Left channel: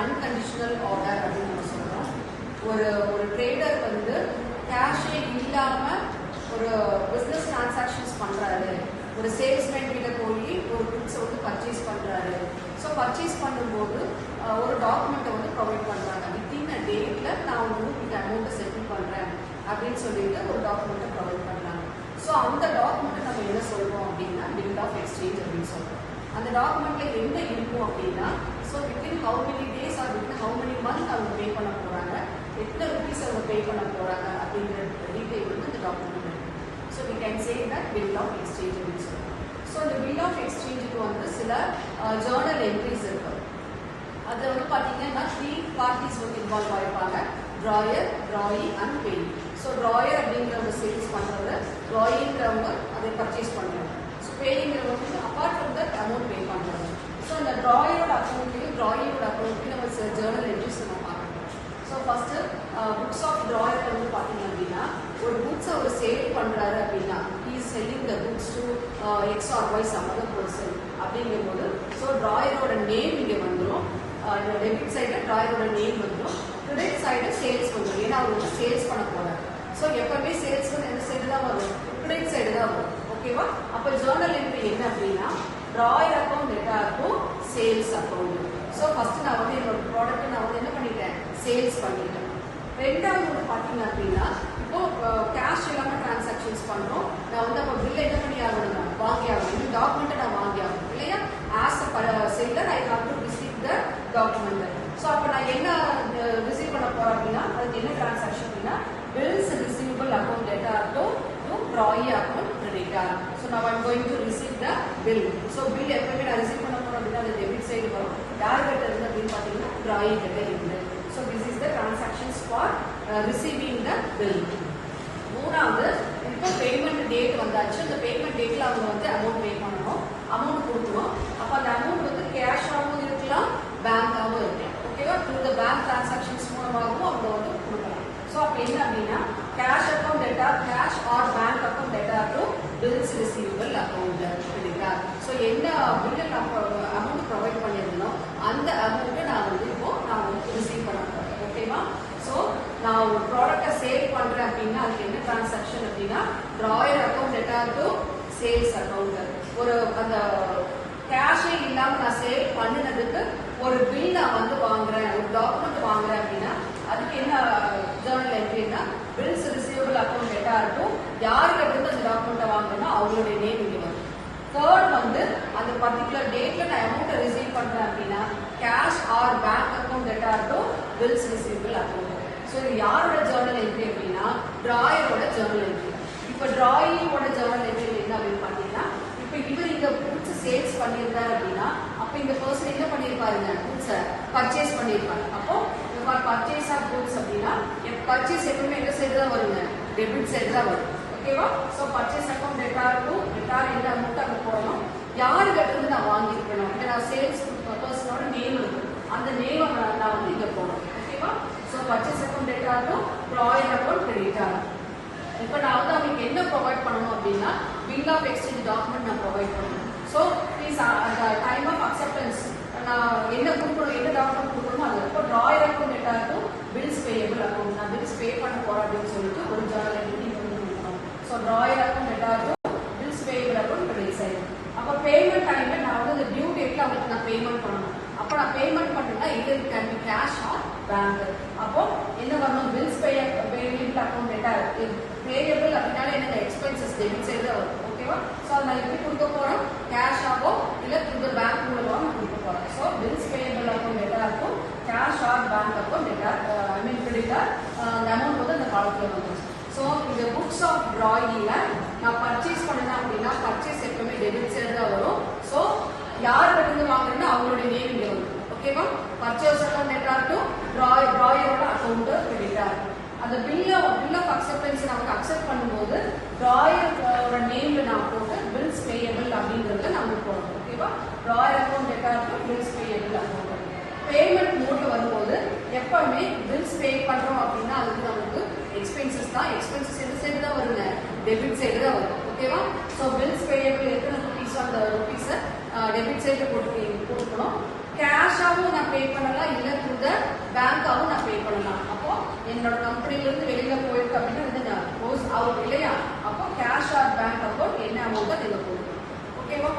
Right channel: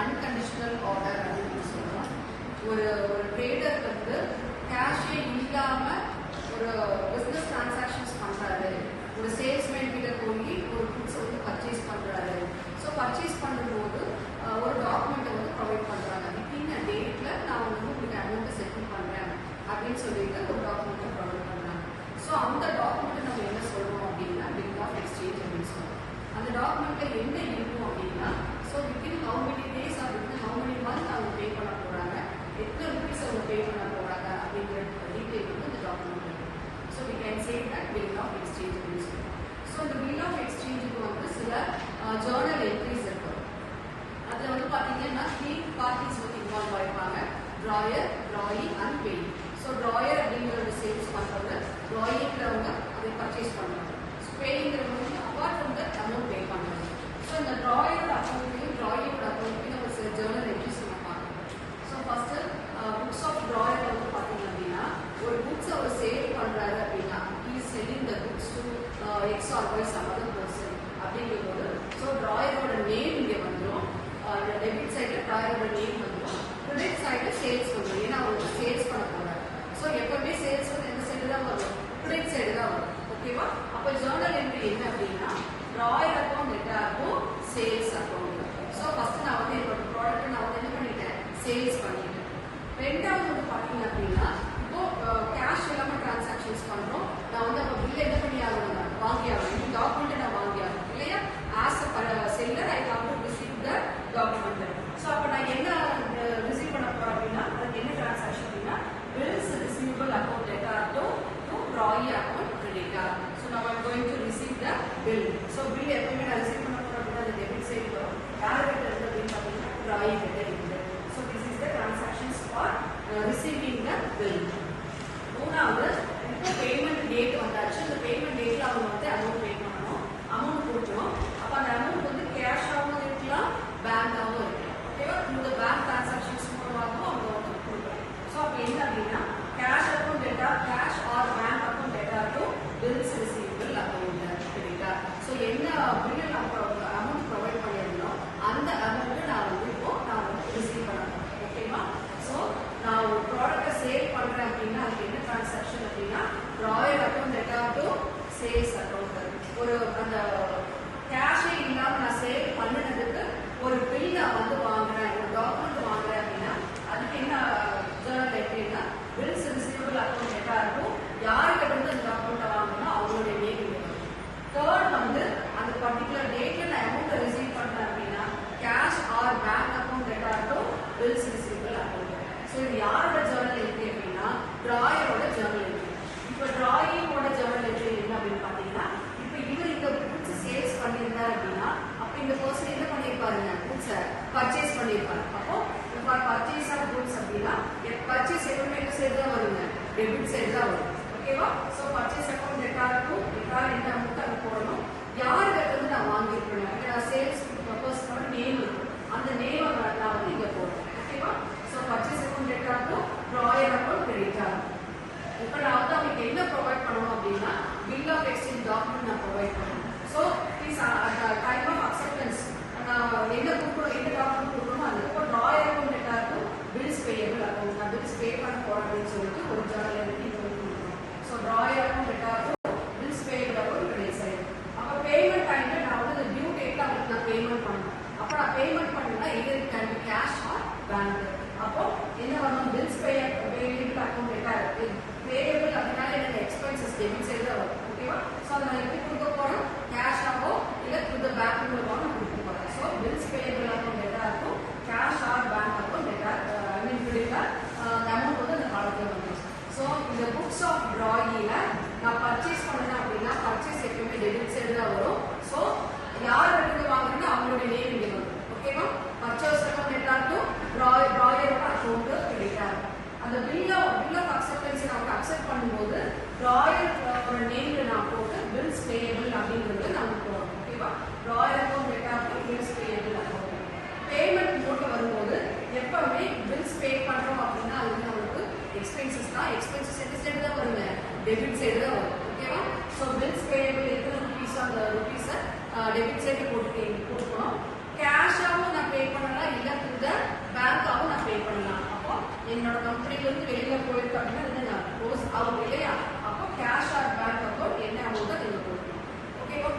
Unconditional order அப்படின்னு சொல்றோம். ஒரு ட்ரேடர் வந்து கேஷே இல்லாம ஒரு பிசினஸ் டிரான்சாக்ஷன்ஸ் பண்றாரு, ஒரு சேல்ஸ்மேன் கிட்ட போய் ஒரு குட்ஸ் வந்து பர்ச்சேஸ் பண்றாரு. ஸோ பர்ச்சேஸ் பண்ணும்போது ஒரு டாக்குமெண்ட்டை வந்து ப்ரொவைட் பண்றாங்க. வித்தின் அ டேட்ல நான் வந்து உங்களுக்கு அமௌண்ட்டை செட்டில் பண்றேன் அப்படின்னு சொல்லிட்டு ஒரு டாக்குமெண்ட்டை ப்ரொவைட் பண்றாங்க. ஸோ அந்த டாக்குமெண்ட்டை நம்ம என்ன சொல்றோம் அப்படின்னா பில் ஆஃப் எக்ஸ்சேஞ்ச் அப்படின்னு சொல்றோம். அந்த டாக்குமெண்ட்ல என்ன இருக்கும் அப்படின்னா, so within how many days or within how many month அவங்க பே பண்ண போறாங்க, எத்தனை ருபீஸ் அவங்க பே பண்ண போறாங்க அப்படிங்கிற டீட்டெயில் வந்து இந்த டாக்குமெண்ட் இருக்கு. So we can say that bill of exchange அப்படின்னு சொல்றோம். ஸோ இந்த பில் ஆஃப் எக்ஸ்சேஞ்சுக்கு வந்து சில ஜேர்னல் என்ட்ரிஸ் இருக்கு. அதில் வந்து பார்த்தீங்கன்னா 3 பார்ட்டிஸ் வந்து இன்வால்வ் ஆகிருப்பாங்க: drawer, drawee and payee. So drawer அப்படிங்கிறவங்க சேல்ஸ் பண்ணுறவங்க, ட்ராயிங்கிறவங்க அதை பர்ச்சேஸ் பண்ணுறாங்க. ஸோ பேயிங்கிறவங்க apart from the amount pay பண்ணுறாங்க. ஸோ இந்த ட்ராயரோட அக்கௌண்ட்லையும் ட்ராயிரோட அக்கௌண்ட்லையும் ஒரு ஜேர்னல் என்ட்ரிஸ் நம்ம பார்க்கணும். So first books of drawer வந்து பார்த்தீங்க அப்படின்னா, ஒரு புக்ஸை ஒரு சேல் பண்ணுறாரு அப்படின்னா, he is selling the books to X or Y some other person அப்படிங்கும்போது, ஸோ ட்ராயரோட நேம் இங்கே வந்துடும். டெபிட் சைடில் ட்ராயரோட நேம் வந்துடும், கிரெடிட் சைடில் சேல்ஸ் வந்துடும். ஏன்னா அவர் வந்து சேல்ஸ் பண்ண போறாரு. ஸோ எப்பவுமே சேல்ஸ் வந்து எந்த சைடு தான் வரும்? கிரெடிட் சைடு தான் வரும். ஓகேவா? அப்போ ஜேர்னல் என்ட்ரி என்ன அப்படின்னா, ட்ராயர் அக்கௌண்ட் எட்டாருக்கும் சேல்ஸ் அக்கௌண்ட். ஸோ ஃபர்ஸ்ட் நான் வந்து என்னோட ப்ராடக்ட்டை நான் வந்து என்ன பண்ணிட்டேன்? சேல்ஸ் பண்ணிட்டேன். ரெண்டாவது வந்து பார்த்தீங்க அப்படின்னா, இப்போ கேஷ் இல்லாமல் டிரான்சாக்ஷன்ஸ் பண்ணுறோம். நான் வந்து அப்போ பில்லை என்ன பண்ணி ஆகணும்? வாங்கி ஆகணும். டாக்குமெண்ட்டை நான் வாங்கி ஆகணும் இல்லையா? As a seller I have to receive the document. So அப்போ நான் என்ன ரிசீவ் பண்ண போறேன் அப்படின்னா, அதுக்கு என்ன டிரான்சாக்ஷன் அப்படின்னா, bills receivable account debtor to drawee account creditor. So now I'm going to receive the bill. So bill எப்பவுமே நான் ரிசீவ் பண்ண போறேன் அப்படின்னா அது டெபிட் சைடு வரும். யார் கிட்ட இருந்து அப்படின்னு பார்த்தீங்கன்னா ட்ராயி கிட்ட இருக்குது. So this is the transactions for receiving the bill. மூணாவது, இப்போ பேமெண்ட் டேட் வந்தாச்சு. அந்த பேமெண்ட் டேட்ல அவங்க வந்து அமௌண்ட் பே பண்ணணும், அமௌண்ட் கொடுக்கணும். அப்போ அந்த அமௌண்ட் வந்து கேஷாகவும் இருக்கலாம், பேங்காகவும் இருக்கலாம். ஓகேவா? இந்த பேங்க் டிரான்சாக்ஷன்ஸ் மூலமாகவும் அவங்க வந்து கொடுக்கலாம். ஸோ அப்போ என்ன அப்படின்னா, cash account debtor, cash or bank account debtor to bills receivable account creditor. So என்ன பில்லு நான் அமௌண்ட் ப்ரொவைட் பண்ணியிருந்தோம் அந்த அமௌண்ட்டை நான் வந்து இப்போ நான் வந்து ரிசீவ் பண்ண போறேன். ஓகேவா? ஸோ நான் ஒரு ப்ராடக்டை சேல் பண்றேன் அப்படின்னா அதுக்கு என்ன டிரான்சாக்ஷன் அப்படின்னா, drawer account debtor to sales account. ஒரு அந்த கேஷே இல்லாம நான் சேல் பண்ணினதுக்கு ஒரு பில் நான் வந்து வாங்குறேன், ஒரு டாக்குமெண்ட் வாங்குறேன் அப்படின்னா அதுக்கு என்ன ஜேர்னல் என்ட்ரினா, bills receivable account debtor to யாருக்கு வந்து அந்த டாக்குமெண்ட்டை வாங்குறேன்னா அவங்களுடைய நேம் இங்கே வரும். தேர்ட் வந்து அந்த பர்டிகுலர் டேட்ல நான் அமௌண்ட்டை ரிசீவ் பண்றேன் அப்படின்னா, cash or bank account debtor to bills receivable account. So இது யாரோட ஜேர்னல் என்ட்ரி அப்படின்னா, ட்ராயரோட ஜேர்னல் என்ட்ரி. இப்போ ட்ராயிங்கோட ஜேர்னல் என்ட்ரி என்ன அப்படின்னு பார்த்தீங்கன்னா, இப்போ இவர் இந்த புக்ஸ் சேல்ஸ் பண்ணியிருந்தார் அப்படின்னா, அப்போ இந்த பர்சன் என்ன பண்ணியிருப்பாருங்க? புக்ஸை பர்ச்சேஸ் பண்ணியிருப்பாங்க. அப்போ பர்ச்சேஸ் ஆஃப் குட்ஸ் அப்படின்னா பர்ச்சேஸ் எப்பவுமே எந்த சைடு தான் வருங்க? டெபிட் சைடு தான் வரும். ஓகேவா? So purchase account debtor to debtor என்ன அமௌண்ட் அங்கே போடணும், யாருக்கு இருந்து நான் வாங்கியிருக்கணும், நான் சேல்ஸ் பர்சனோட நேம் இருக்கும், அந்த நேமை நான் வந்து இங்கே போடணும். ஓகேவா? So purchase account debtor to drawer account creditor. இப்போ நான் வந்து அவங்களுக்கு என்ன ப்ரொவைட் பண்ணணும் அப்படின்னா, பில் ஆஃப் எக்ஸ்சேஞ்ச் டாக்குமெண்ட் நான் ப்ரொவைட் பண்ணணும். So please time of acceptance நான் என்ன கொடுக்கணும், என்ன டாக்குமெண்ட் கொடுக்கணும் அது. இப்போ drawer account debtor to bills payable account, நான் பில்ஸ் பே பண்ண போறேன் அப்படின்னு சொல்லிட்டு ஒரு ஜேர்னல் என்ட்ரி நீங்க வந்து கொடுக்கணும். So drawer account debtor to bills payable account credit side. அப்போ பேமெண்ட் டைம்ல நான் வந்து அந்த டியூ டேட்ல அவங்களுக்கு நான் பேமெண்ட் பண்ணணும். அப்போ நான் பேமெண்ட் பண்ணணும்னா இது can be cash or bank. அப்போ என்ன பண்ணணும்? Bills payable account debtor payable அப்படின்னால எனக்கு எக்ஸ்பென்சஸ் டெபிட் சைடு தான் வரும். ஓகேவா? ஸோ அதை நான் எப்படி கொடுக்க போறோம்? கேஷ் ஆகோ இல்லை இந்த பேங்க் மூலமாக நான் கொடுக்க போறேன். ஸோ பில்ஸ் பேயபிள் அக்கௌண்ட் டெட்டாக இருக்கும், cash or bank account debtor I mean creditor. அந்த அமௌண்ட் வந்து அந்த காலத்தில் வந்துடும். ஸோ இந்த புக்ஸ் ஆஃப் ட்ராயிங்ல நான் பர்ச்சேஸ் பண்ணேன் அப்படின்னா பர்ச்சேஸ் எப்பவுமே டெபிட் சைடு தான் வரும். ஸோ யார் வந்து வாங்குறேன்னா அவங்களுடைய நேம் இங்கே வரும். ஓகேவா? பர்ச்சேஸ் அக்கௌண்ட் டெட்டார் டு ட்ராயரோட அக்கௌண்ட் கிரெடிட்டர். அந்த பில் ஆஃப் அக்செப்டன்ஸ் நமக்கு அக்செப்ட் பண்ணும்போது ட்ராயரோட நேம்ல நான் போட்டு பில்ஸ் பேயபிள் அப்படிங்கிறத நம்ம போடணும். ஓகேவா? Drawer account debtor to bills payable account. Payment mode வரும்போது எப்பவுமே பில்ஸ் பே பண்றோம் அப்படின்னா அது வந்து நமக்கு எக்ஸ்பென்சஸ் தான். எக்ஸ்பென்சஸ் எந்த சைடு தான் வருங்க? டெபிட் சைடு தான் வரும். ஓகேவா? ஸோ பில்ஸ் பேயபிள் எத்தனை ருபீஸ் அந்த ருபீஸை டெபிட் சைட்ல போட்டுக்கணும். கேஷாவும் நான் பே பண்ணலாம், இல்ல த்ரூ த பேங்காவும் நான் பே பண்ணலாம். அப்போ என்னோட கம்பெனில இருந்து வெளியில போயிருக்கு அப்படின்னு நான் க்ளோஸ் அவுட் இல்லையா, அப்போ கேஷ் ஆர் பேங்க் அக்கௌண்ட் என்ன அமௌண்ட் நீங்க போடணும். ஓகேவா?